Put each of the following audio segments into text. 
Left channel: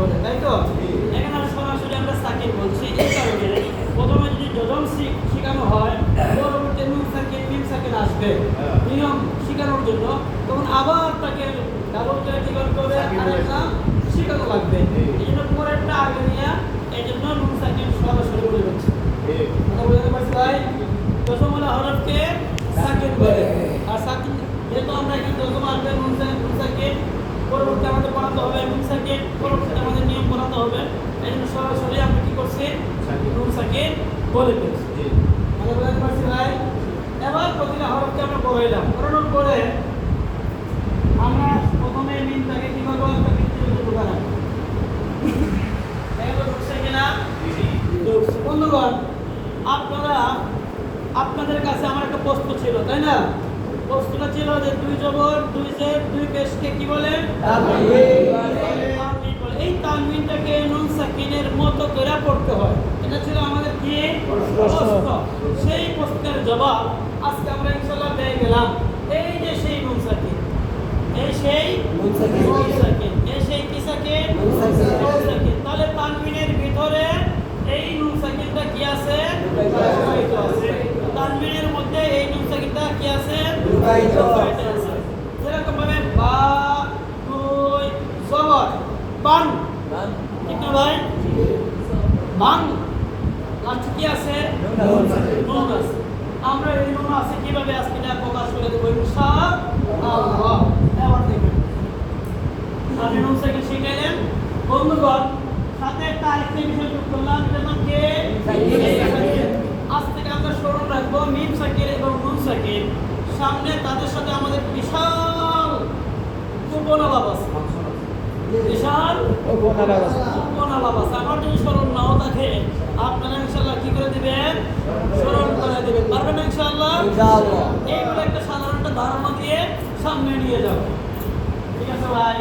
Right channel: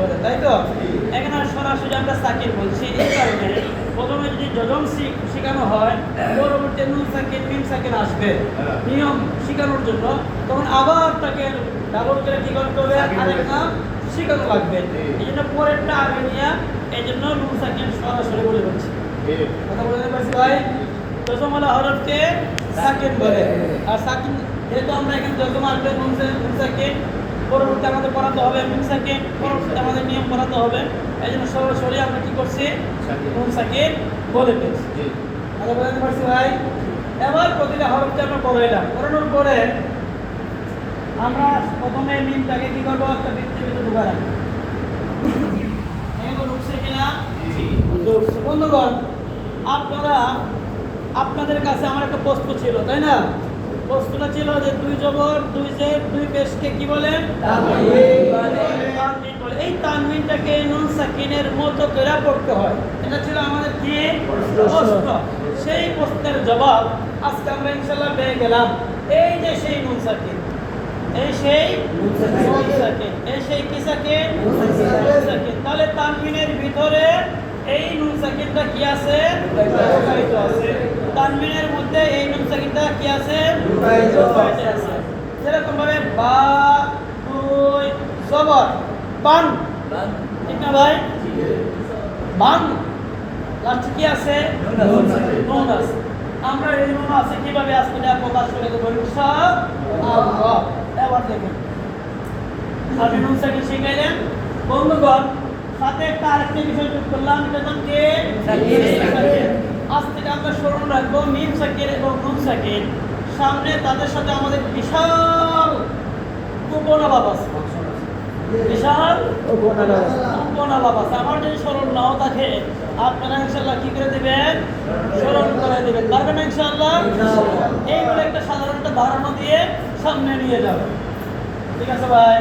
বলে, তাই তো? এখানে সরাসরি আমরা সাকিন বলছি এই কারণে প্রথমে যদি যজম শেখানো হয় পরবর্তীতে নুন সাকিন মিম সাকিন আসবে নিয়ম শেখানোর জন্য, তখন আবার তাকে ডাবল করে কি করতে হবে, আরেকটা শেখানো লাগবে। এই জন্য পরেরটা আগে নিয়ে এই জন্য নুন সাকিন সরাসরি বলে বলছি। কথা বলতে পারছি ভাই? যজমওয়ালা হরফকে সাকিন বলে। আর সাকিন যেহেতু আমরা এখানে যজম আসবে নুন সাকিন, পরবর্তীতে আমাদের পড়াতে হবে মিম সাকিন, পরবর্তীতে আমাদের নিয়ম পড়াতে হবে। এই জন্য সরাসরি আমরা কি করছি, নুন সাকিন বলে ফেলছি। কথা বলতে পারছি ভাই? এবার প্রতিটা হরফকে আমরা পড়ে এলাম, পড়ানোর পরে আমরা প্রথমে মিমটাকে কি করবো, একটা বৃত্তের ভিতরে ঢুকা রাখবো। এখানে ঢুকছে কিনা? ঢুকছে। বন্ধুগণ, আপনাদের কাছে আমার একটা প্রশ্ন ছিল, তাই না? প্রশ্নটা ছিল যে দুই জবর দুই জের দুই পেশকে কি বলে? তানবিন বলে। এই তানবিনটাকে নুন সাকিনের মতো করে পড়তে হয়, এটা ছিল আমাদের কি প্রশ্ন। সেই প্রশ্নের জবাব আজকে আমরা ইনশাআল্লাহ পেয়ে গেলাম। এই যে সেই নুন সাকিন, এই সেই নুন সাকিন, এই সেই কি সাকিন? নুন সাকিন। তাহলে তানবিনের ভিতরে এই নুন সাকিনটা কি আছে? তানবিনের মধ্যে এই নুন সাকিনটা কি আছে? আছে। যেরকম ভাবে বা দুই জবর বান, ঠিক না ভাই? বান লাস্টে কি আছে? নুন আছে। আমরা এই নুন আছে কিভাবে আজকে প্রকাশ করে দেবো ইনশাআল্লাহ। এবার দেখেন আপনি নুন সাকিন শিখাইলেন। বন্ধুগণ, সাথে একটা আরেকটা বিষয় যোগ করলাম, এটার নাম কি? আজ থেকে আমরা স্মরণ রাখবো মিম সাকিন এবং নুন সাকিন, সামনে তাদের সাথে আমাদের বিশাল উপনালাপ আছে, বিশাল উপনালাপ আছে। আমার যদি স্মরণ নাও থাকে আপনারা ইনশাআল্লাহ কি করে দিবেন? স্মরণ করে দিবেন। পারবেন না ইনশাআল্লাহ? এইগুলো একটা সাধারণ একটা ধারণা দিয়ে সামনে নিয়ে যাও, ঠিক আছে ভাই?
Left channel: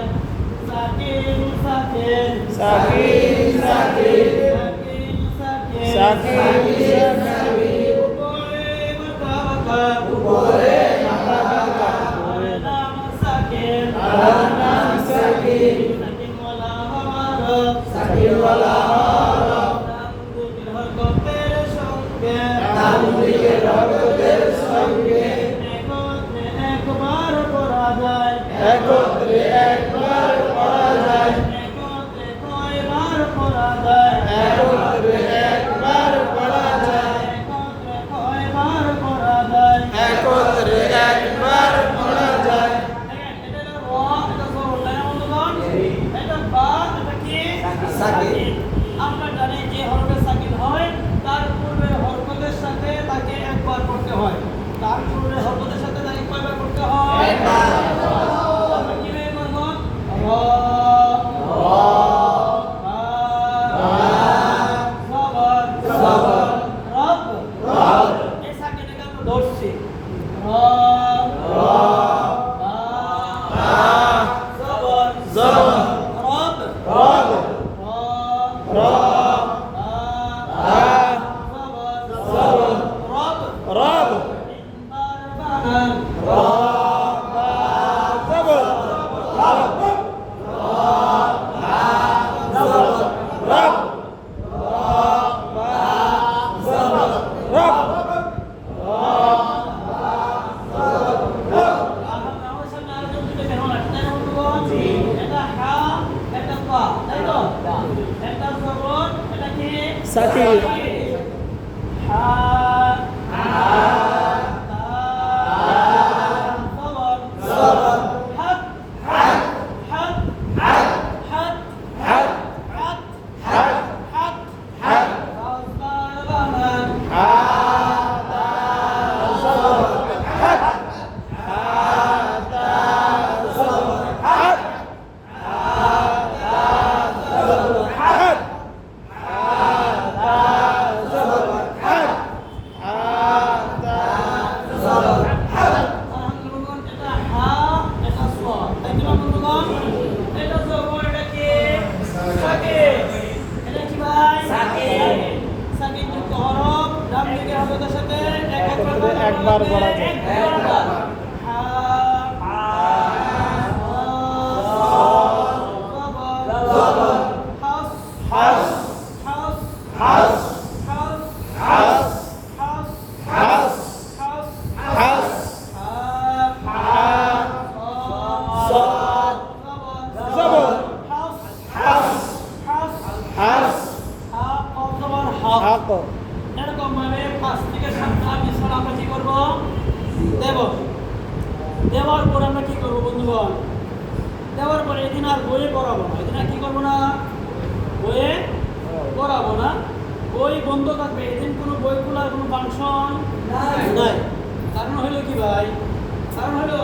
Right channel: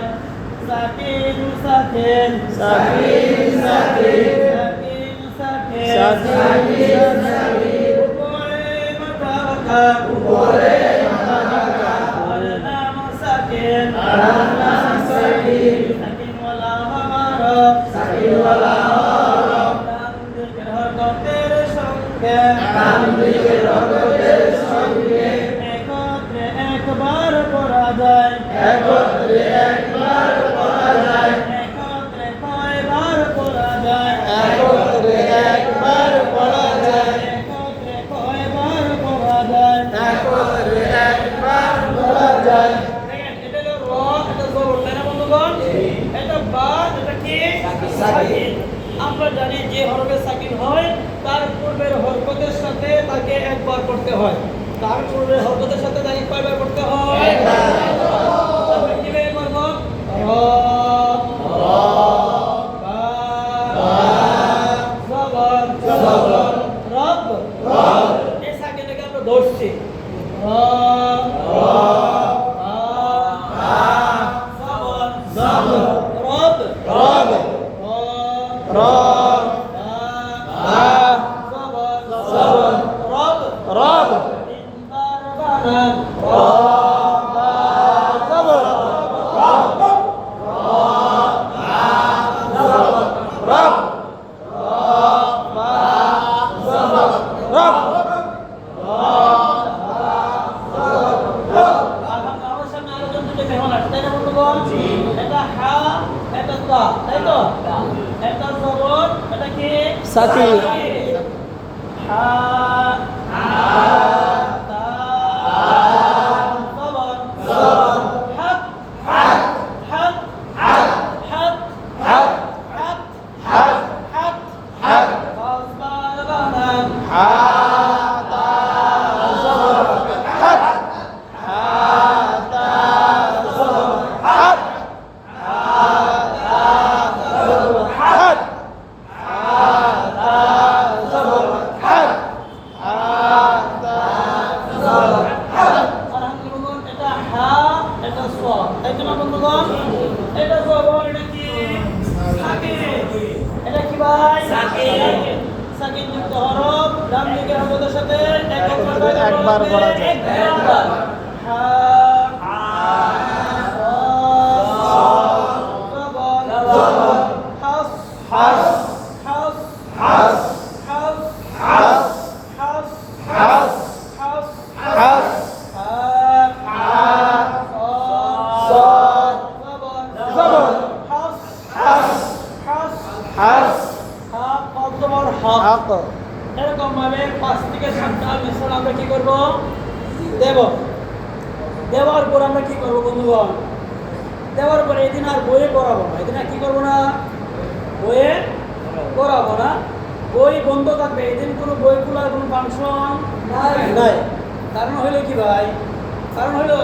সাকিন সাকিন সাকিন সাকিন সাকিন সাকিন উপরে মাথা রাখা আর নাম সাকিন সাকিন ওয়ালা হরফ নাম দিকের হরফের সঙ্গে একত্রে একবার পড়া যায়, একত্রে কয়বার পড়া যায়, একত্রে কয়বার পড়া যায়। এটা হলো র, এটা জবর, তাই না বন্ধুগণ? এটা বা, এটা কি? সাকিন। আমরা জানি যে হরফে সাকিন হয় তার পূর্বের হরকতের সাথে তাকে একবার পড়তে হয়, তার পূর্বের হরকতের সাথে তাকে কয়বার পড়তে হয়? একবার। আমরা কিভাবে পড়ব? র, জবর, রব, এই সাকিনটাকে আমরা ধরছি। সাকিন একবার পড়া যায়। আমরা কি করব? দেব। দেওয়ার পর আমরা কি করব বন্ধুগণ? দেওয়ার পরে এদিন আর বইয়ে পড়াবো না। এদিন আর কি করবো না? বইয়ে পড়াবো না। বই বন্ধ থাকবে। এদিন কোনো বই খোলার কোনো ফাংশন নাই। কারণ হলো কি ভাই? কারণ হলো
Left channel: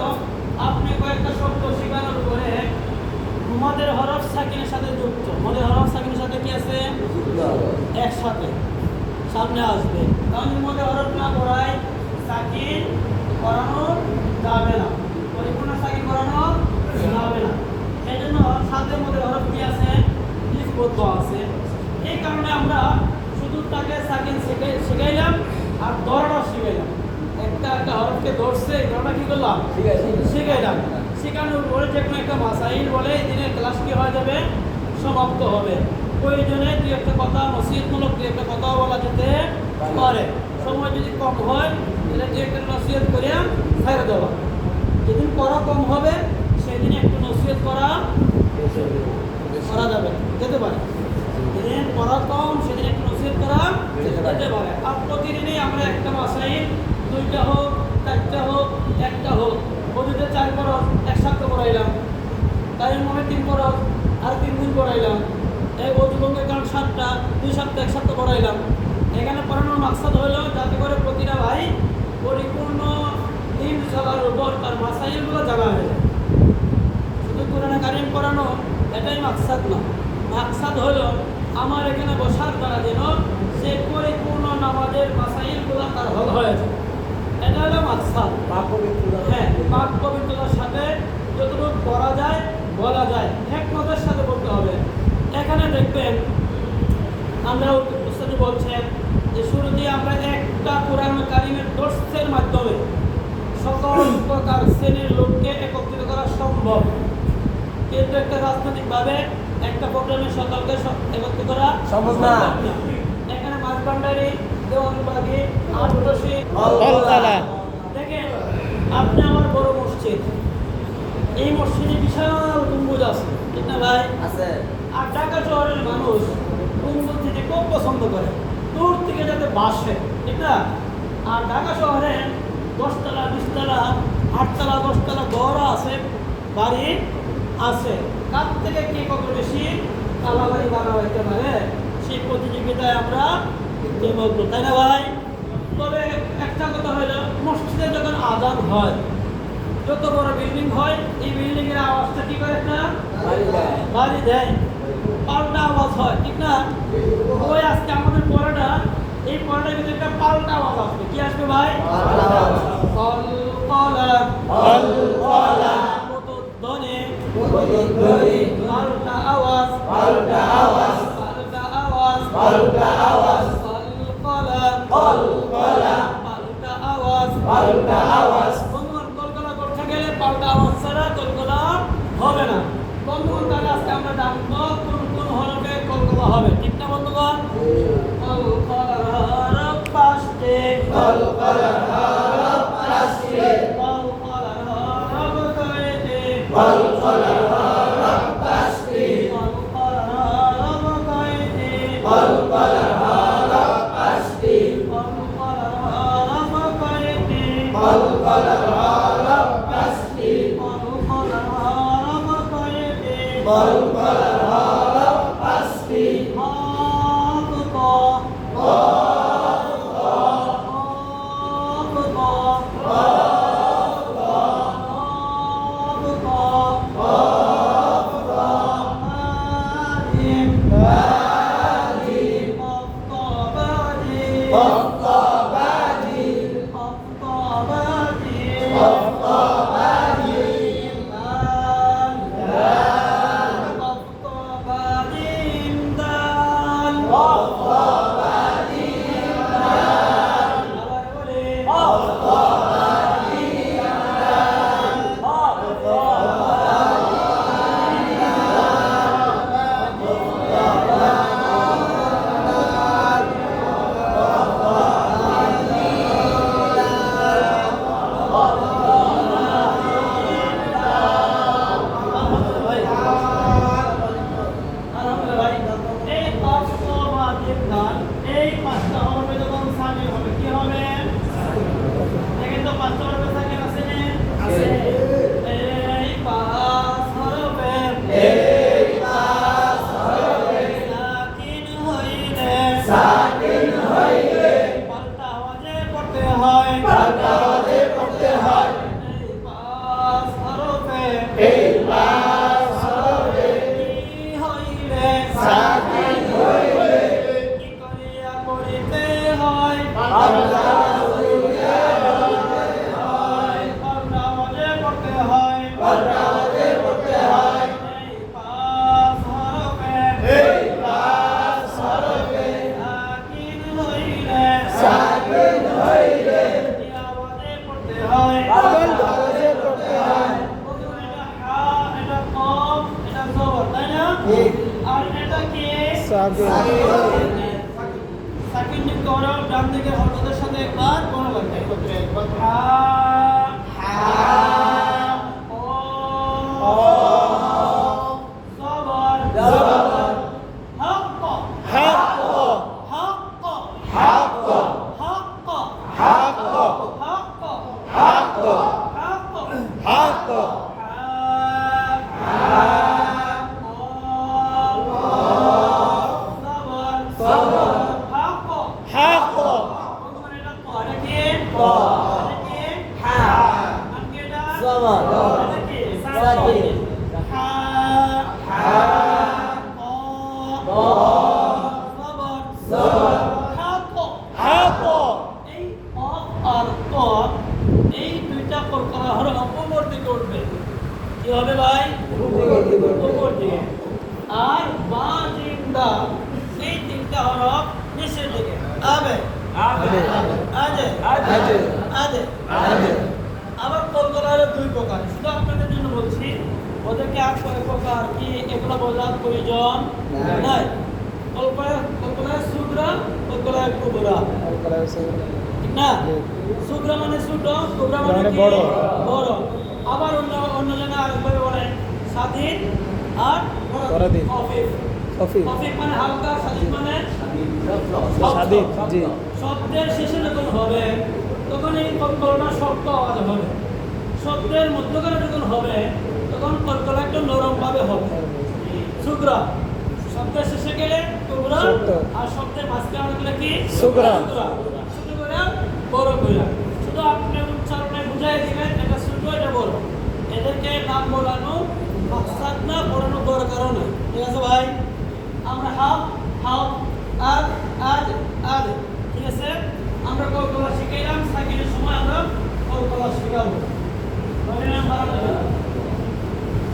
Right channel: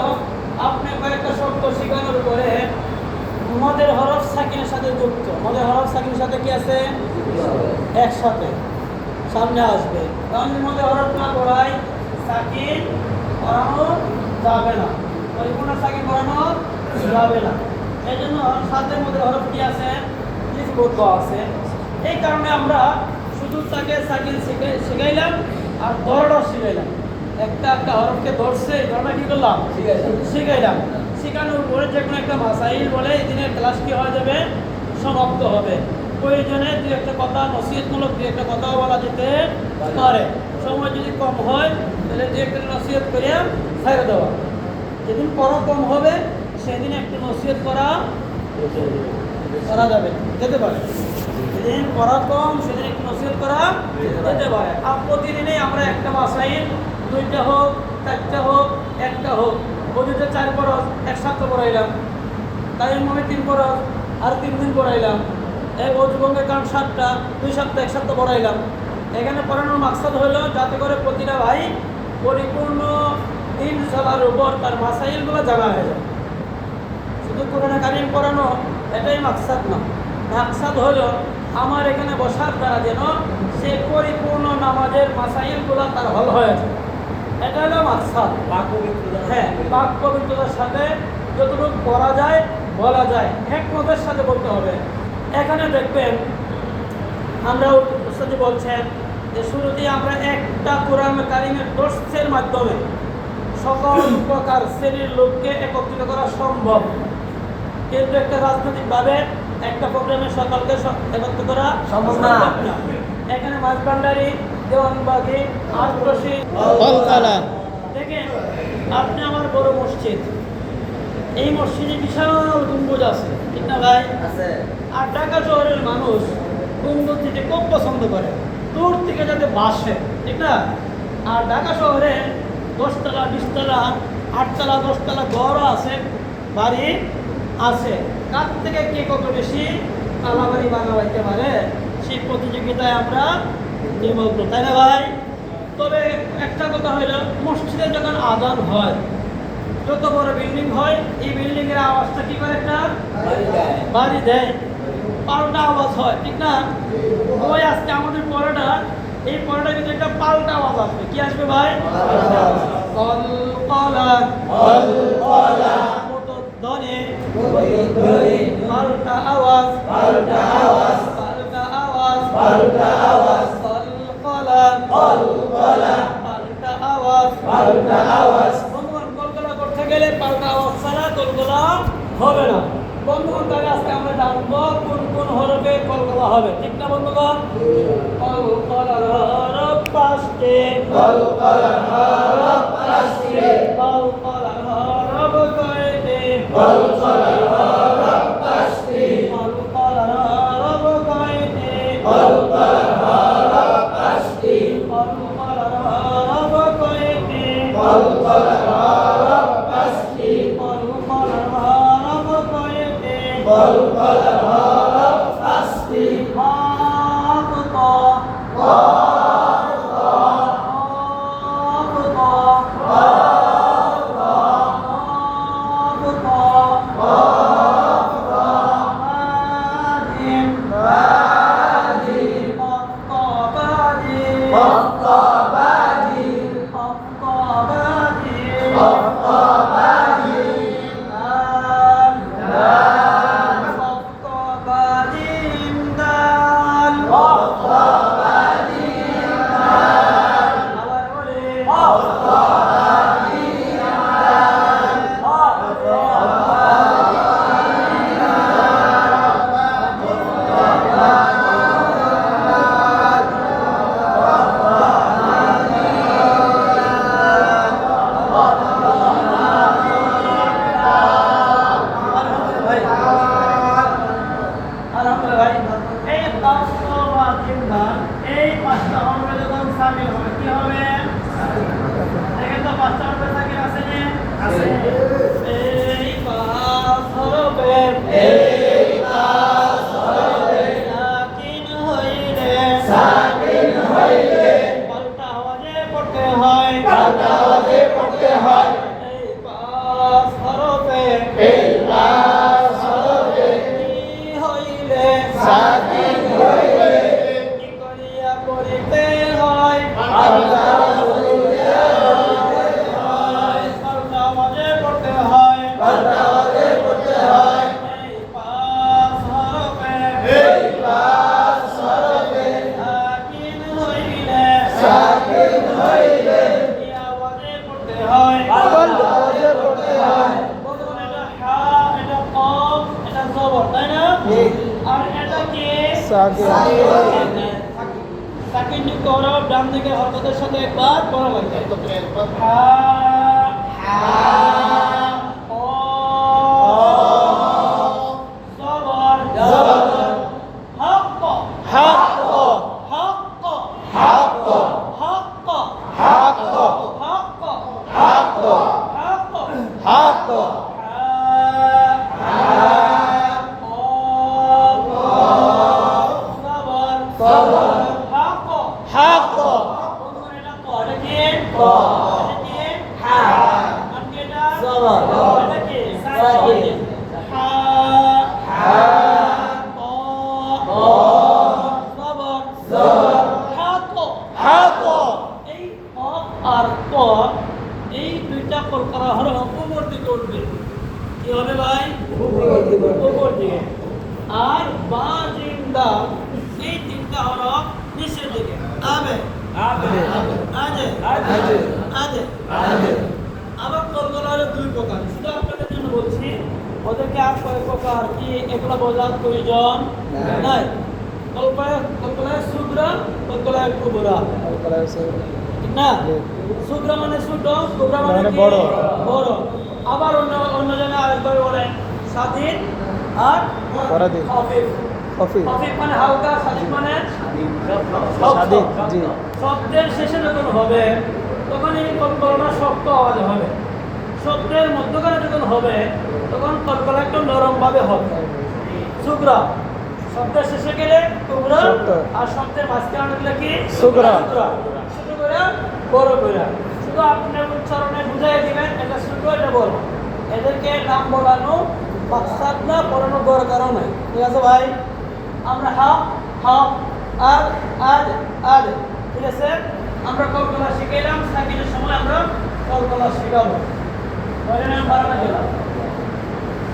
আপনি কয়েকটা শব্দ শেখানোর পরে মদের হরফ সাকিনের সাথে যুক্ত। মদের হরফ সাকিনের সাথে কি আছে? একসাথে সামনে আসবে। কারণ মদের হরফ না করাই সাকিন করানো যাবে না। পরিপূর্ণ সাকিন করানো যাবে না। এই জন্য সাথে মদের হরফ কি আছে? লিপিবদ্ধ আছে। এই কারণে আমরা শুধু তাকে সাকিন শিখাইলাম আর ধরাটাও শিখাইলাম। একটা হরফকে ধরছে, ধরাটা কি করলাম? শিখাইলাম। শেখানোর পরে যে কোনো একটা মাসাইল বলে এই দিনের ক্লাস কি হয়ে যাবে? সমাপ্ত হবে। প্রয়োজনে দুই একটা কথা, নসিহতমূলক দুই একটা কথাও বলা যেতে পারে। সময় যদি কম হয় তাহলে দুই একটা নসিহত করে ছেড়ে দেওয়া। যেদিন পড়া কম হবে সেদিন একটু নসিহত করা যাবে, যেতে পারে। যেদিন পড়া কম সেদিন একটু নসিহত করা যেতে পারে। আর প্রতিদিনই আমরা একটা মাসাইল, দুইটা হোক, চারটা হোক, একটা হোক, ওদিকে 4 খরচ এক সপ্তাহ পড়াইলাম, তাই মনে 3 খরচ আর 3 দিন পড়াইলাম। এই অজুবঙ্গের কারণ 7টা, 2 সপ্তাহ 1 সপ্তাহ পড়াইলাম। এখানে পড়ানোর মাকসাদ হলো যাতে করে প্রতিটা ভাই পরিপূর্ণ দিন চলার উপর তার মাসাইলগুলো জানা হয়ে যায়। শুধু কোরআন কারিম পড়ানো এটাই মাকসাদ না। মাকসাদ হলো আমার এখানে বসার দ্বারা যেন সে পরিপূর্ণ নামাজের মাসাইলগুলো তার হল হয়ে যায়। এটা হলো মাকসাদ। পাক পবিত্রতা, হ্যাঁ, পাক পবিত্রতার সাথে যতটুকু পড়া যায় বলা যায়, হিকমতের সাথে বলতে হবে। এখানে দেখবেন আমরা উস্তাদ বলছেন যে শুরুতেই আমরা একটা কোরআন কারিমের দর্শের মাধ্যমে সকল প্রকার শ্রেণীর লোককে একত্রিত করা সম্ভব, কিন্তু একটা রাজনৈতিকভাবে একটা প্রোগ্রামে সকলকে একত্রিত করা সম্ভব না। এখানে মাঝবান্ডারি, দেওয়ানবাগি, আটরশি, দেখেন আপনি আমার বড় মসজিদ, এই মসজিদে বিশাল গম্বুজ আছে, ঠিক না ভাই? আছে। আর ঢাকা শহরের মানুষ গম্বুজ থেকে খুব পছন্দ করে, দূর থেকে যাতে বাসে, ঠিক না? আর ঢাকা শহরে 10 তলা, 20 তলা, 8 তলা, 10 তলা ঘরও আছে, বাড়ি আছে। তার থেকে কে কত বেশি কালাবাড়ি বানাইতে পারে সেই প্রতিযোগিতায় আমরা নিমগ্ন, তাই না ভাই? তবে একটা কথা হইল, মসজিদে যখন আজান হয়, যত বড় বিল্ডিং হয়, এই বিল্ডিং এর আওয়াজটা কি করে? একটা বাড়ি দেয়, পাল্টা আওয়াজ হয়, ঠিক না? ওই আজকে আমাদের পড়াটা, এই পড়াটা কিন্তু একটা পাল্টা আওয়াজ আসবে। কি আসবে ভাই? পাল্টা আওয়াজ, পাল্টা আওয়াজ, পাল্টা আওয়াজ, পাল্টা আওয়াজ, পাল্টা আওয়াজ, পাল্টা আওয়াজ। বন্ধুগণ, কলকাতা করতে গেলে পাল্টা আওয়াজ ছাড়া কলকাতা হবে না। বন্ধুগণ, তাহলে আজকে আমরা জানবো কোন কোন হরফে কলকাতা হবে, ঠিক না বন্ধুগণ? কলকাতার হরফ 5টি, কলকাতার হরফ 5টি, কলকাতার হরফ কয়টি, কলকাতার হরফ 5টি, কলকাতার হরফ কয়টি, কলকাতার হরফ 5টি, কলকাতার হরফ কয়টি, কলকাতার হরফ 5টি, কলকাতার হরফ কয়টি, কলকাতার হরফ 5টি। এই 5টা হরফে যখন সামিল হবে কি হবে? বাংলা আওয়াজে পড়তে হয় এই পাঁচ হরফে এই পাঁচ হরফে কি হইলে সাকিন হইলে কি করিয়া পড়িতে হয় বাংলা বাংলা আওয়াজে পড়তে হয় বাংলা আওয়াজে পড়তে হয় এই পাঁচ হরফে এই পাঁচ হরফে সাকিন হইলে সাকিন হইলে কি আওয়াজে পড়তে হয় বাংলা আওয়াজে পড়তে হয় বন্ধুগণ, এটা হা, এটা কফ, এটা জবর, তাই না? ঠিক। আর এটা কি? সাকিন। সাকিন যুক্ত হরফ, ডান দিকের হরফের সাথে একবার পড়া লাগবে। হা, কফ, জবর, জবর। হক, হক হক, হক হক, হক হক, হক হক, হক হক হক এই দুইটা কলকাতা হলো উপর দিকে উঠবে কি হবে ভাই উপর দিকে আর বাঁ তিনটা এই তিনটা হলো নিচের দিকে আবে আজে আজে আমার কলকাতা হলো দুই প্রকার শুধু আপনাদের জন্য বলছি ওদেরকে আর কয়েক প্রকার কি এগুলো বোঝার প্রয়োজন নাই কলকাতায় শুক্র কলকাতায় কুবরা ঠিক না শুক্র মানে ছোট কুবরা মানে বড়। বড় আবার অন্য জায়গায় আরেকবার বলে স্বাধীন আর পরাধীন। খফিফ খফিফ। খফিফ মানে হালকা স্বাধীন মানে স্বাধীন, জি। শব্দের শেষে যখন হবে তখন এই কলকলনা শক্ত আওয়াজ হবে শব্দের মধ্যখানে যখন হবে তখন কলকলা একটু নরম ভাবে হবে শুক্রা শব্দের শেষে গেলে কুবরা শক্ত। আর শব্দের মাঝখানে গেলে কি শুকরা। শুধু করে বড় করে শুধু আপনি উচ্চারণে বুঝাই দিবেন এটা ছোট এটা বড় এদেরকে নাম বলানো মাকসাদ না পড়ানো দরকারও নেই ঠিক আছে ভাই আমরা হাফ হাফ আদ আদ আদ ঠিক আছে আমরা কলকলা শিখাইলাম সাকিনের সময় আমরা কলকলা শিখাবো কয়টা বাড়ানো গেলাম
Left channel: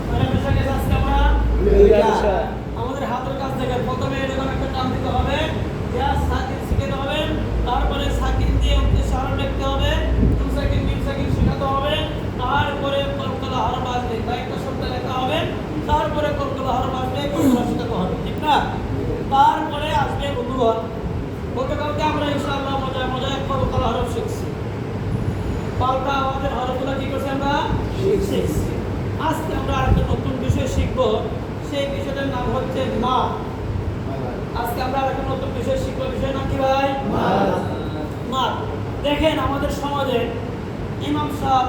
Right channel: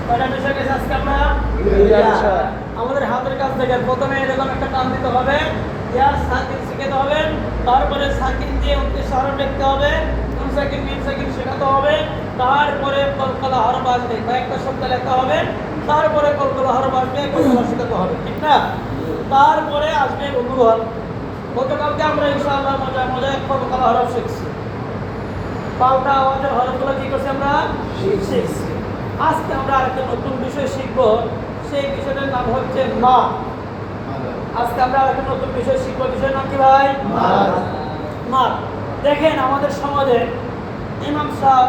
কয়টা বিষয় গেছে আজকে আমরা আমাদের হাতের কাছ থেকে প্রথমে এরকম একটা টান দিতে হবে ইয়া সাকিন শিখাতে হবে তারপরে সাকিন দিয়ে উদ্দেশ্য হরফ লিখতে হবে 2 সেকেন্ড 3 সেকেন্ড শেখাতে হবে তারপরে কলকলা হরফ আসবে কয়েকটা শব্দ লেখা হবে তারপরে কলকলা হরফ আসবে কলকলা শেখাতে হবে ঠিক না তারপরে আসবে অনুবাদ গতকালকে আমরা ইনশাআল্লাহ মজায় কলকলা হরফ শিখছি পাল্টা আওয়াজের হরফগুলো কি করছি আমরা শিখছি আজকে আমরা আরেকটা নতুন বিষয় শিখবো সেই বিষয়টার নাম হচ্ছে মা আজকে আমরা আরেকটা নতুন বিষয় শিখবো বিষয়ের নাম কি ভাই মা দেখেন আমাদের সমাজে ইমাম সাহেব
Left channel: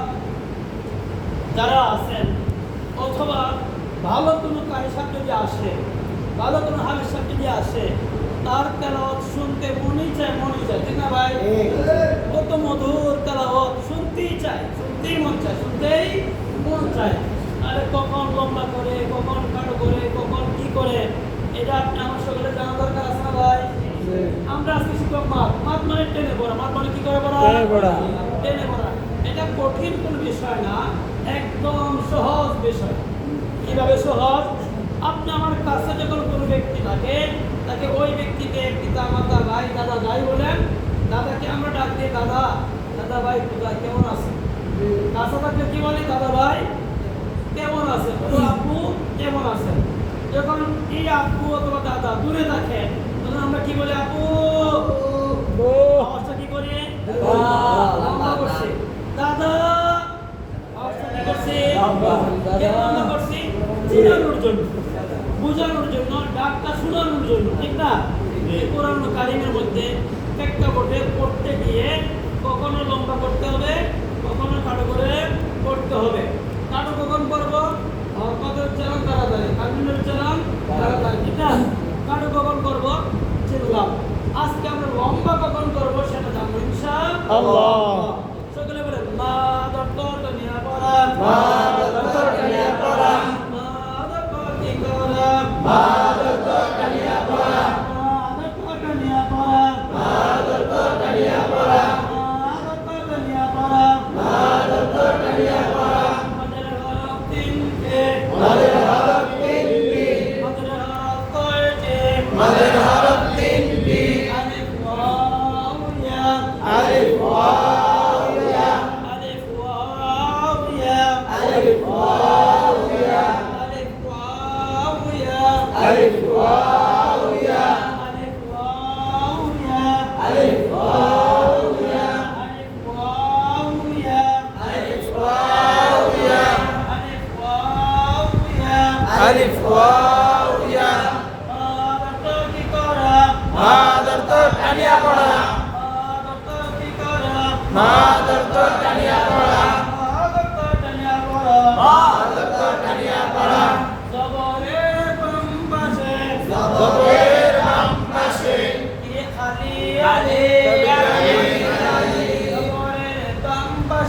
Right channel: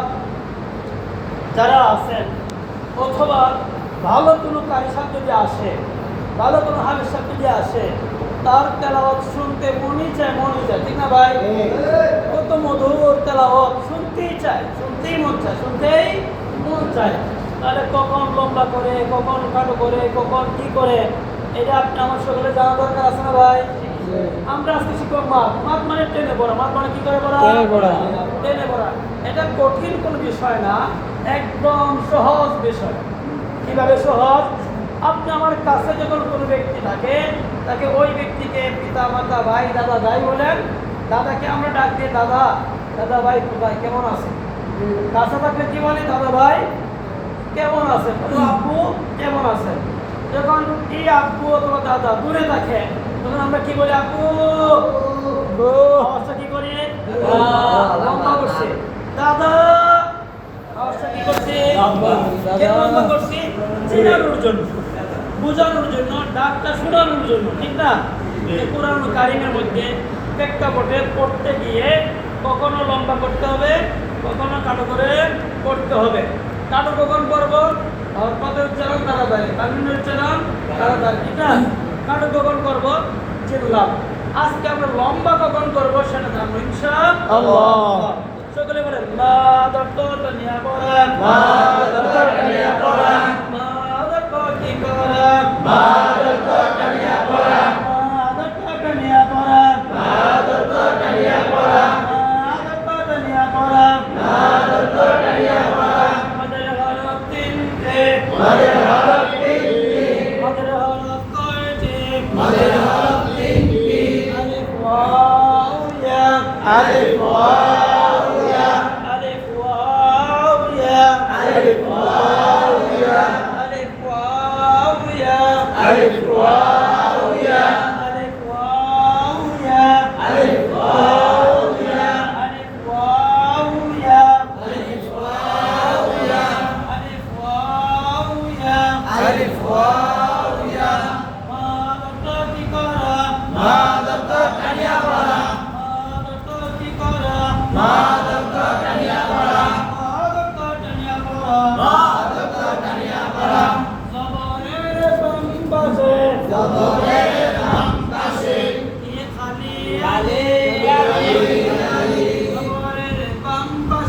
যারা আছেন অথবা ভালো কোনো কারি সাহেব যদি আসে ভালো কোনো হাফেজ সাহেব যদি আসে তার তেলাওয়াত শুনতে মনই চায় ঠিক না ভাই কত মধুর তেলাওয়াত শুনতেই মন চায় তাহলে কখন লম্বা করে কখন খাটো করে কখন কি করে এটা আপনি আমার সকলে জানা দরকার আছে না ভাই আমরা আজকে শিখব মাপ মানে টেনে পড়া মাপ মানে কি করে পড়া টেনে পড়া এটা কঠিন কোনো বিষয় না একদম সহজ বিষয় কিভাবে সহজ আপনি আমার কাছে যখন কোনো ব্যক্তি থাকে তাকে ওই ব্যক্তিকে পিতা মাতা ভাই দাদা যাই বলেন দাদাকে আমরা ডাক দিয়ে দাদা ভাই কোথায় কেমন আছে কাছে থাকলে কি বলে দাদা ভাই কেমন আছে আপু কেমন আছে যখন এই আপু অথবা দাদা দূরে থাকে তখন আমরা কি বলি আপু অবস্থা কি করি লম্বা করছি দাদা অবস্থা কি করছি কেন লম্বা করছি চিনানোর জন্য বোঝানোর জন্য ডাকটা শোনানোর জন্য ঠিক না কোরআন কারিমের মধ্যে প্রেক্ষাপটে পড়তে গিয়ে কখনো লম্বা করতে হবে কখনো খাটো করে পড়তে হবে কাটো কখন করবো পদের উচ্চারণ তাড়াতাড়ি কামিনের উচ্চারণ তাড়াতাড়ি ঠিক না কাটো কখন করবো চিনলাম আজকে আমরা লম্বা কখন করবো সেটা জানবো ইনশাআল্লাহ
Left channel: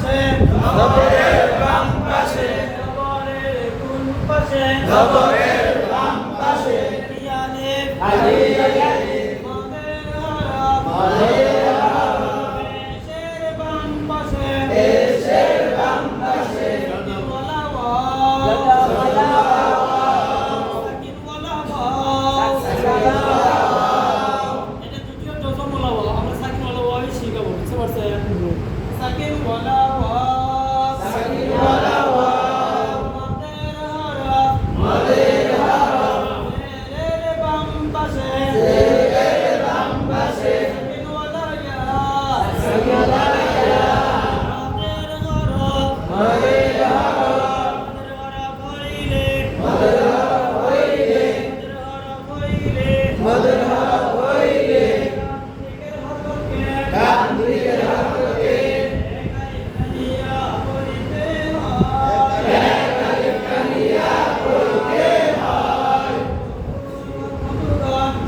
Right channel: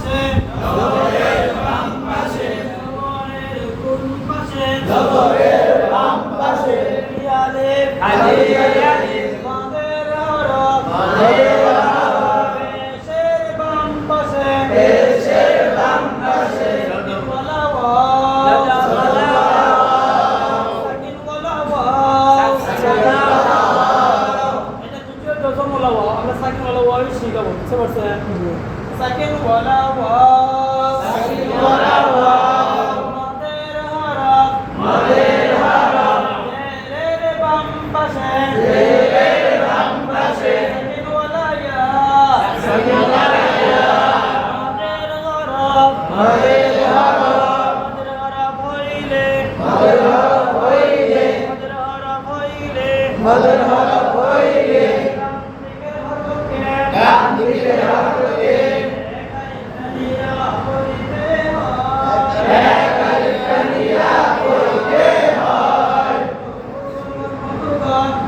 পাশে জবরের বাম পাশে জবরের কোন পাশে জবরের বাম পাশে আলিফ আলিফ মাদের হরফ মাদের হরফ পেশের বাম পাশে পেশের বাম পাশে ওয়ালা ওয়া ওয়ালা সাকিন ওয়ালা ওয়া এটা দ্বিতীয় ডজন ওয়ালা ওয়া আমরা সাকিন ওয়ালা ওয়া শিখাবো বুঝতে পারছেন সাকিন ওয়ালা ওয়া সাকিন ওয়ালা ওয়া মাদের হরফ মাদের হরফ জেরের বাম পাশে জেরের বাম পাশে সাকিন ওয়ালা ইয়া সাকিন ওয়ালা ইয়া মাদের হরফ মাদের হরফ মাদের হরফ হইলে মাদের হরফ হইলে মাদের হরফ হইলে ডান দিকের হরফকে কানিয়া হইতে হয় কানিয়া হইতে হয়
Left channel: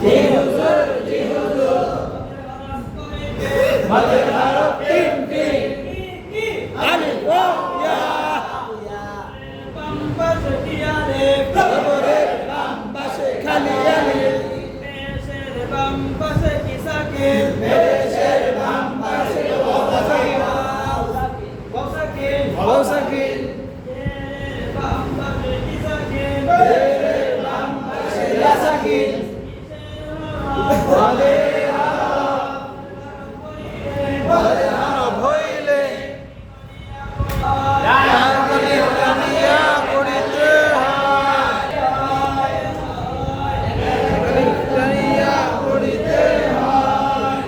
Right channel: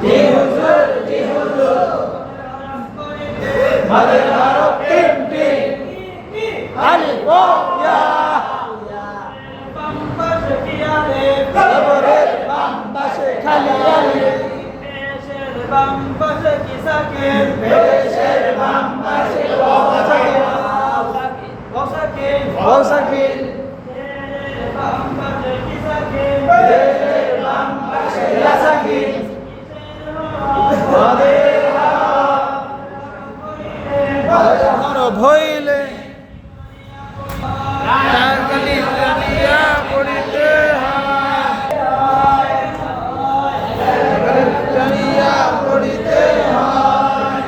জি হুজুর মাদের হরফ তিনটি আলিফ ওয়া ইয়া বাম পাশে কি আলিফ জবরের বাম পাশে খালি আলিফ পেশের বাম পাশে কি সাকিন পেশের বাম পাশে ওয়া সাকিন ওয়া সাকিন জেরের বাম পাশে কি সাকিন জেরের বাম পাশে লা সাকিন মাদের হরফ হইলে কানিয়া পড়িতে হয় কানিয়া পড়িতে হয়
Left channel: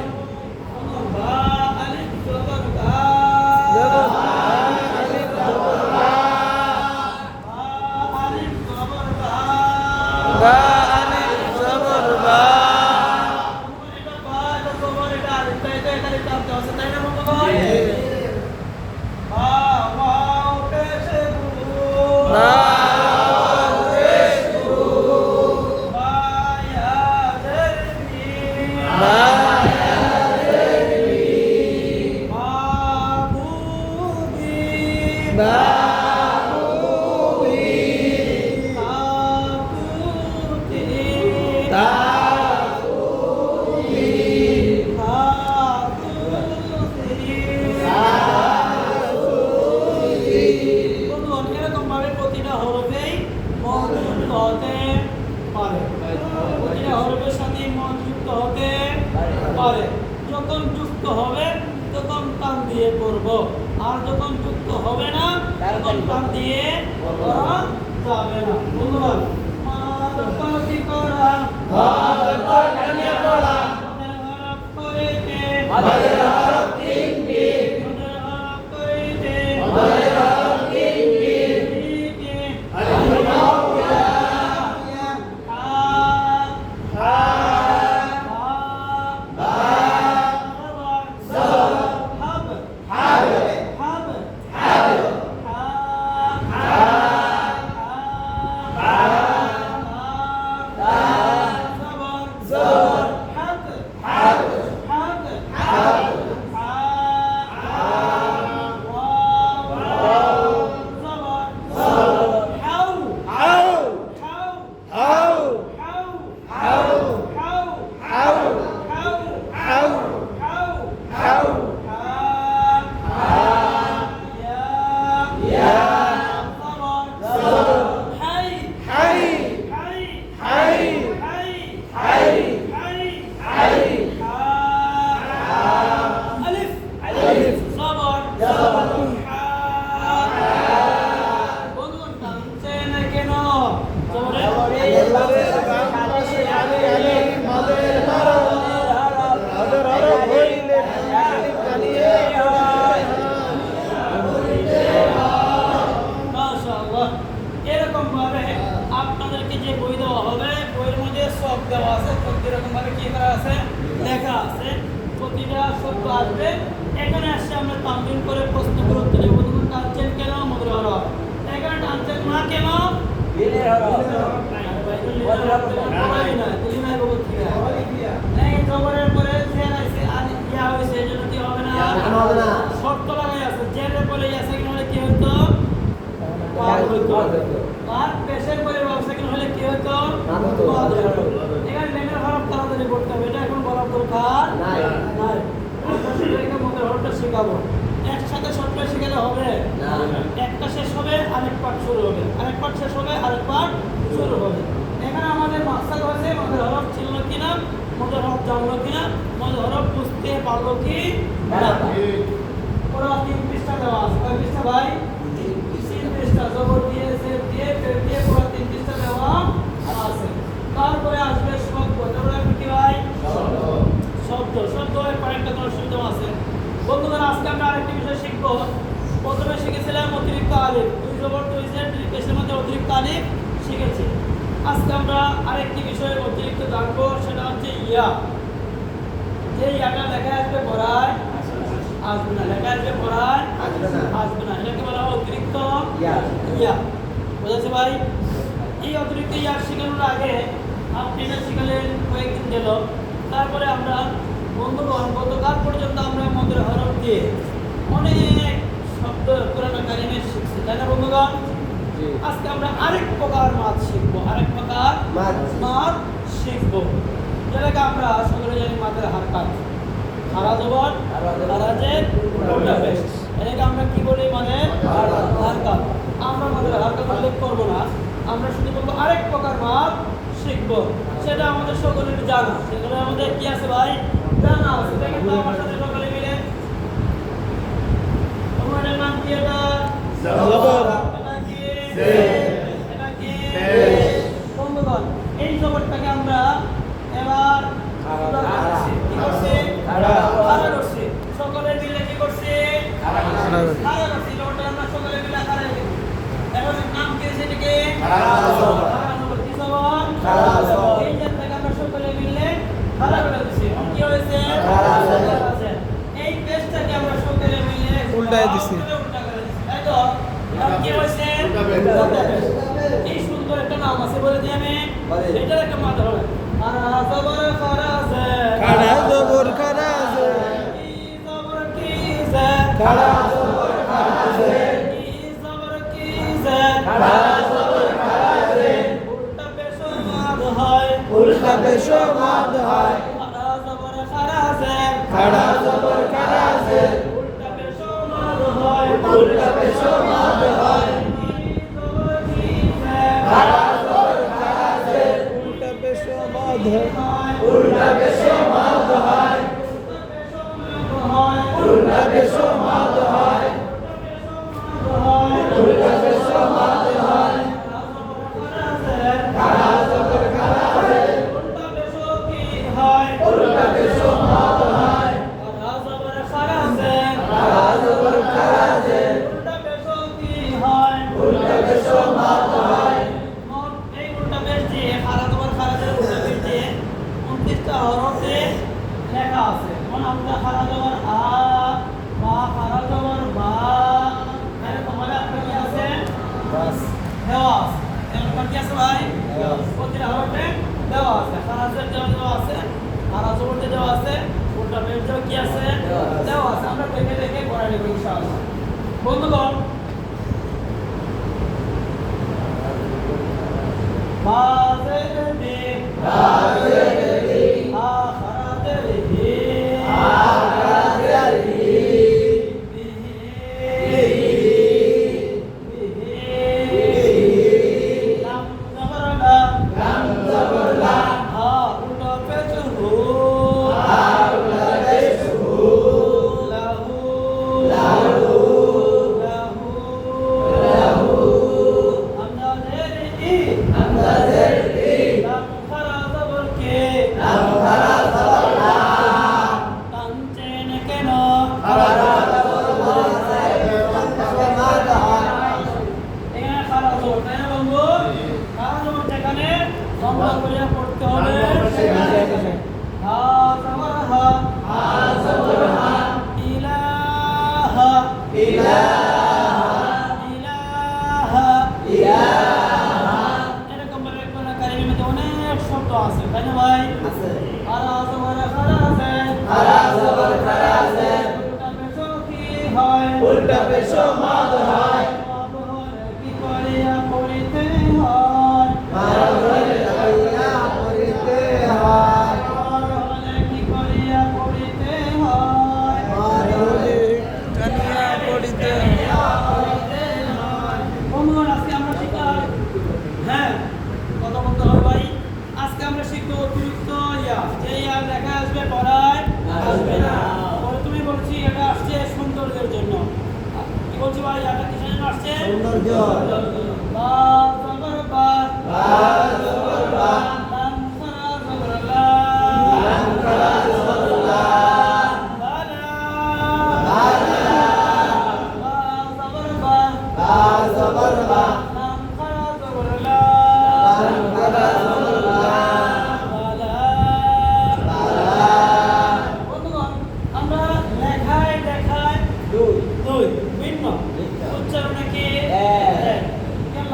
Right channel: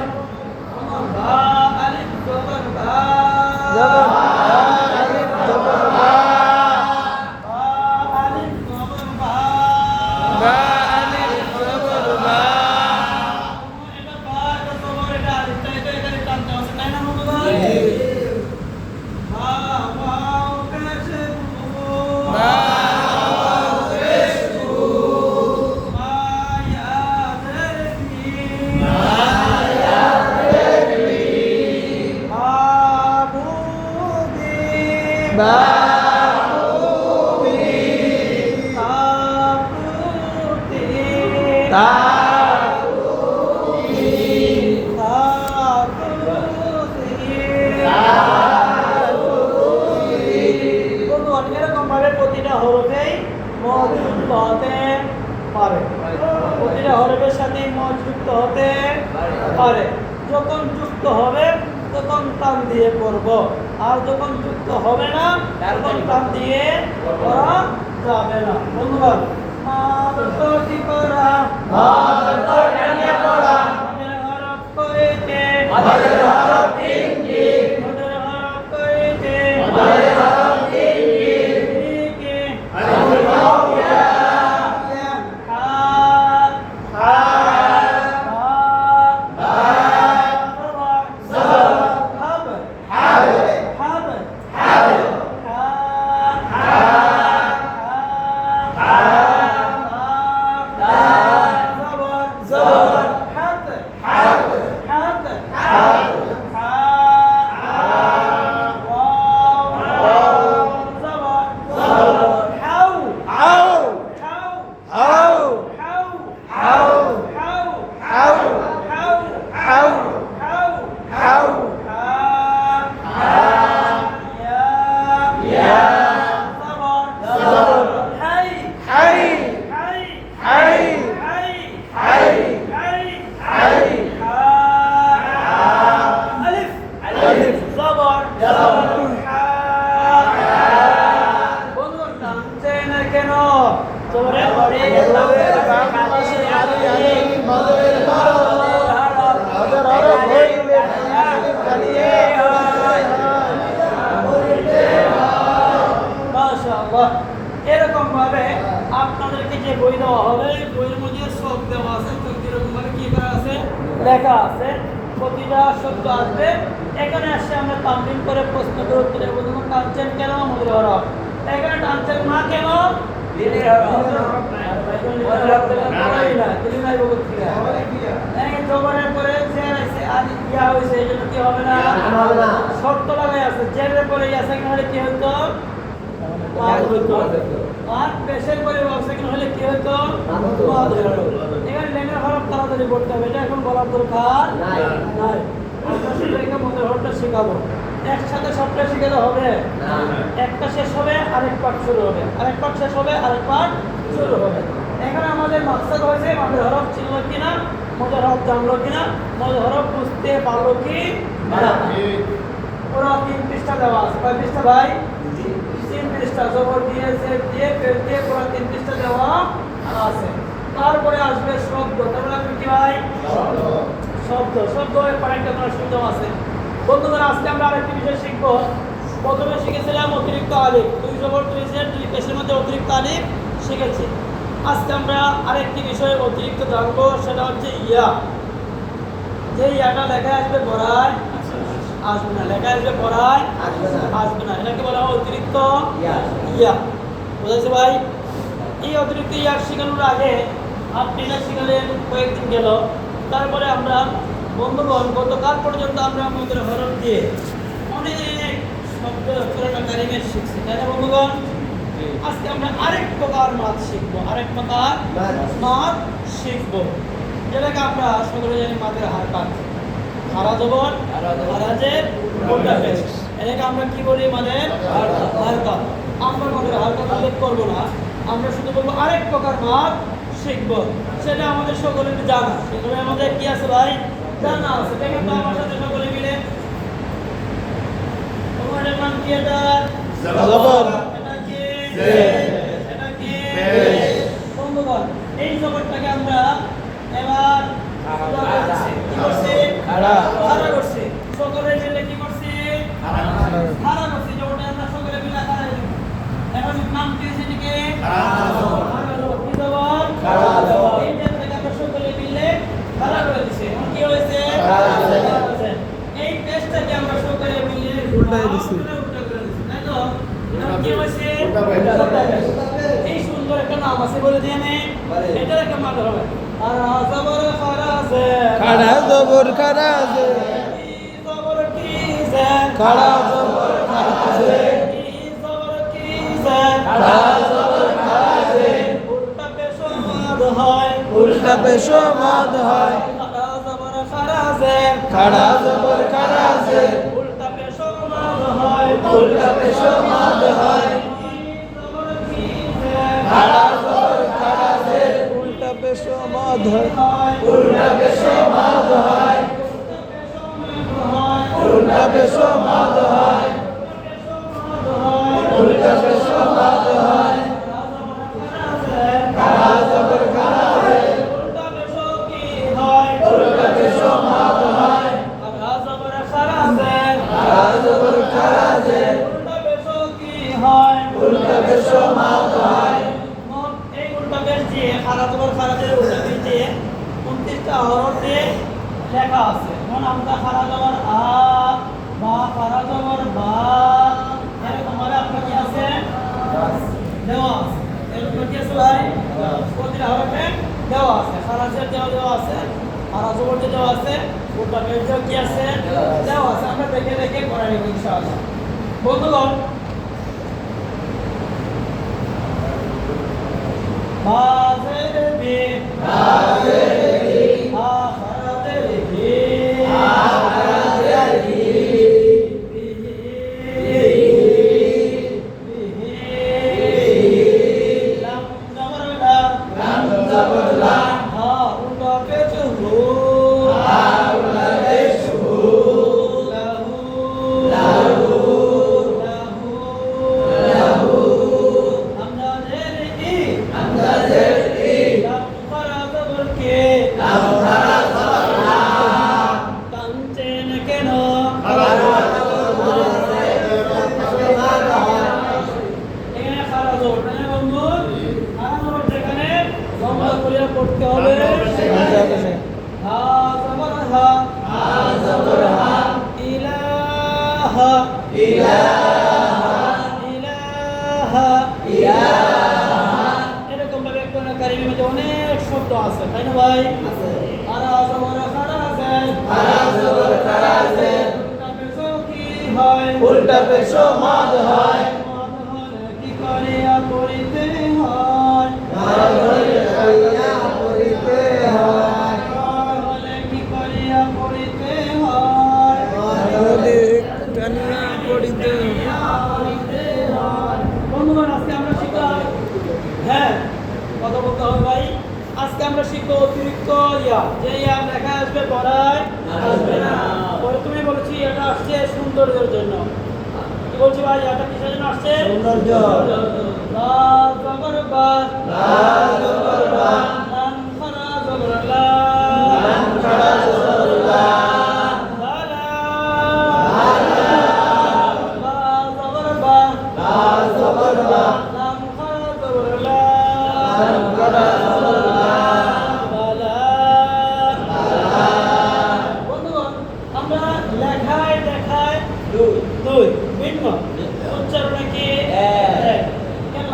বা আলিফ জবর বা আলিফ জবর বা আলিফ জবর বা আলিফ জবর বা এটা বা এটা জবর এটা আলিফ এটা এখানে টানতে হবে তাই না মামা ওয়াও পেশ প্রতিটা হরফেই মৌযুক্ত হতে পারে প্রতিটা হরফের সাথে মৌযুক্ত হতে পারে যখন যুক্ত হবে তখন টান দিয়ে পড়ব আর যখন যুক্ত হবে না তখন টান দিয়ে পড়া যাবে না বন্ধুগণ মাদরতি করা মাদরতি পড়া মাদের হরফ কইতে মাদের হরফ তিনটি মাদের হরফ কইতে মাদের হরফ তিনটি আলিফ ওয়া ইয়া হা বা হাব হাব হাব হাব এরকম ভাবে আপনাদেরকে যে বই দেওয়া হবে বইয়ের মধ্যে সব দেওয়া আছে এরকম ভাবে কি করা আছে লেখা আছে প্রতিটা শব্দ আসবে এখানে আসছে আমরা তামিল করে প্রশ্ন করে উত্তরে প্রথম টানছেন কেন মুদ্রা হরফ এখানে টানছেন না কেন দিনের হরফ জবরের পরে জের আছে আর ইয়া হয়েছে এজন্য কি হবে না শর্ত লাগাই আছে জেরের পরে আর পেশের পরে সেকেন্ড হলে কি হতো এখানে লেটার হরফ তাড়াতাড়ি পড়তে হবে, এটা এখন বলার দরকার নাই। আমরা শুধু এখানে মনের হরফটা শেখাবো, একসাথে সবটা শেখালে হবে না। একটা শেষ হবে আরেক পাঠ শুরু হবে, আরেক পাঠ শেষ হবে আরেক পাঠ শুরু হবে। এখানে আমাদের মাকসাদ হয়েছে মনের হরফ ছিল কিনা, মনের হরফ জানলো কিনা, মনের হরফ বুঝতে পারলো কি না। ওরা 3 পৃষ্ঠা দেওয়া আছে, কয় পৃষ্ঠা ভাই? 3 পৃষ্ঠা। জবর দিয়ে জের দিয়ে ফের দিয়ে পুরো 3 পৃষ্ঠা দেওয়া আছে। তারপরে আসবে শব্দ। তাহলে আপনি কি ভাই? শব্দ। শব্দ কয়েকটা শব্দ আছে। বন্ধুরা আজকে আমরা আরেকটি বিষয় শিখবো। প্রথমে শিখেছিলাম অতিরিক্ত আলিফ, 2 জবর 2 জের 2 পেশের মধ্যে অতিরিক্ত আলিফ শিখেছি। আজকে আমরা আরেকটি বিষয় অতিরিক্ত জানবো, সেটা হচ্ছে ইয়া। যে ইয়াটা লেখা আসবে পড়ায় আসবে না, লেখা আসবে পড়ায় আসবে না, এটাকে বলা হয় অতিরিক্ত ইয়া। বুঝেছো ভাই? এই অতিরিক্ত ইয়া শেখানোর আগে আপনি না শিখালেন কয়েকদিন গেল, তারপরে আমরা বন্ধুগণ গতকাল পর্যন্ত আমরা আমাদের হরফ দিয়ে অনেক শব্দ কারিমে শিখছি, তাই না বন্ধুগণ? আজকে আমরা আরেক প্রকার মাছ শিখবো, আরেক প্রকার মাছ শিখবো, যেটাকে আমরা সকলে জানি মাদের হারকাত। খারা জবর খারাজের উল্টা পেশ, এটাকে আমরা কি বলি? মানে হারকাত। আমরা মাদের হারকাত উল্লেখ করবো না, আমরা শুধু বলবো আরেক প্রকার মাছ শিখবো, সেটা আমাদের সকলের জানা। সেগুলো আমাদের কি আছে ভাই? জানা আছে। এটা কিন্তু আমার সাথে সকলে মিলে তোমাদের নাম কি? এটা জবর। এটা কি? এটা কি? বন্ধুগণ এই জবরটাকে আমরা এবার কি করছি? খাড়া করছি। সকলে মিলে কি করছি? খাড়া করছি। জবরটা আমরা সকলে মিলে খাড়া করছি। এখন নাম কি হয়েছে? এটাকে খাড়া জবর। কি জবর? খাড়া জবর। এই যে আমরা সকলে মিলে খাড়া করে দিছি। কি হয়েছে? খাড়া জবর। এই পেজটাকে আমরা সকলে মিলে উল্টায় দিছি, উল্টা করে দিছি, তাই তো? কি হয়েছে? উল্টা পেজ। এই সুন্দর একটা নাম আছে, বলে দিই আমি। এটা একটা মান ধরো, খাড়া জবর খারাজে, খাড়া জবর খারাজে, কি জবর কি জে, খাড়া জবর খারাজে, কি জবর কি জে, খাড়া জবর খারাজে, উল্টা পেশ মাদ হয়, উল্টা পেশ মাদ হয়, খাড়া জবর খারাজে, খাড়া জবর খারাজে, উল্টা পেশ মাদ হয়, উল্টা পেশ মাদ হয়, কি জবর কি জে, খাড়া জবর খারাজে, উল্টা পেশ মাদ হয়, হয়, উল্টা পেশ মাদ হয়, উল্টা পেশ মাদ হয়, উল্টা পেশ মাদ হয়, খাড়া জবর খারাজে, উল্টা পেশ মাদ হয়, খাড়া জবর খারাজে, উল্টা পেশ মাদ হয়। লেখা আছে, যেমন আমরা খারা জবর আ, বা খারা জবর বা, আরে তোমার আপনার কি আছে? দেওয়া আছে। এরকম কি আছে ভাই? প্রতিটা হরফে দেওয়া আছে। খারাজের দেওয়া আছে, খারা জবর দেওয়া আছে, উল্টা পেজেও কি আছে? দেওয়া আছে। আমরা দেখে দেখে পড়া নিব ইনশাআল্লাহ। বন্ধুগণ বাজের বি, বাজের বি, আখরাজের হি, আখরাজের হি, বিহি, লাম জবর লা, লাম জবর লা, হা উল্টা পেজ হু, হা উল্টা পেশ হু, লাহু, লাহু, লাহু, হামজাজের ই, হামজাজের ই, লাম খারা জবর কে, লাম খারা জবর লা, তাম চেন কেন, খারা জবর মাঝে, মাদ হয়, এখানে খারা জবর, তাই না বন্ধু? খারা জবর যেখানে লম্বা করে পড়তে হবে। হা জবর হা, হা জবর হা, ইলাহা, ইলাহা, ইলাহা, ইলাহা, এরকম ভাবে কোরআন কারিমের মধ্যে অনেক শব্দ আছে, তাই না ভাই? আছে। আলা জবর খারাজে, খারা জবর খারাজে, উল্টা পেশ কি হয়? উল্টা পেশ মাদ হয়, মাদ হলে কি কয়? করিয়া পড়িতে হয় পাগলে হইয়া পড়িতে হয় পাগলে কি করিয়া পড়িতে হয় পাগলে জানিয়া পড়িতে হয়। বন্ধুগণ, আজকে আমরা শিখলাম, হ্যাঁ কথা বলতে হবে ভাই। আজকে আমরা শিখবো অতিরিক্ত ইয়া, যে ইয়া লেখা আসবে পড়ায় আসবে না। তবে তুমি বলছি এটা আসছে সৌন্দর্যের জন্য। কি বলছি ভাই, এটা কিসের জন্য আসছে? সৌন্দর্য। লাল জবর বা, লাল জবর বা, লাম খারা জবর লা, লাম খারা জবর লা, বালা, বালা, লাল জবর বা, লাল জবর বা, লাম খারা জবর লা, লাম খারা জবর লা, বালা। বালা। বন্ধুগণ, আমরা লেখায় লেখায় দুই দুই ভিন্ন, উচ্চারণে কি এক।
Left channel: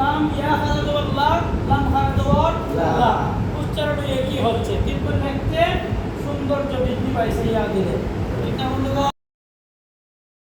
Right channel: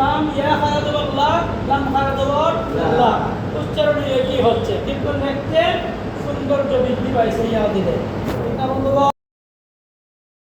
লাম ইয়া খারা জবর লা, লাম খারা জবর লা। লা। উচ্চারণে একই হচ্ছে, কিন্তু দেখতে সৌন্দর্য বৃদ্ধি পাইছে ইয়া দিলে।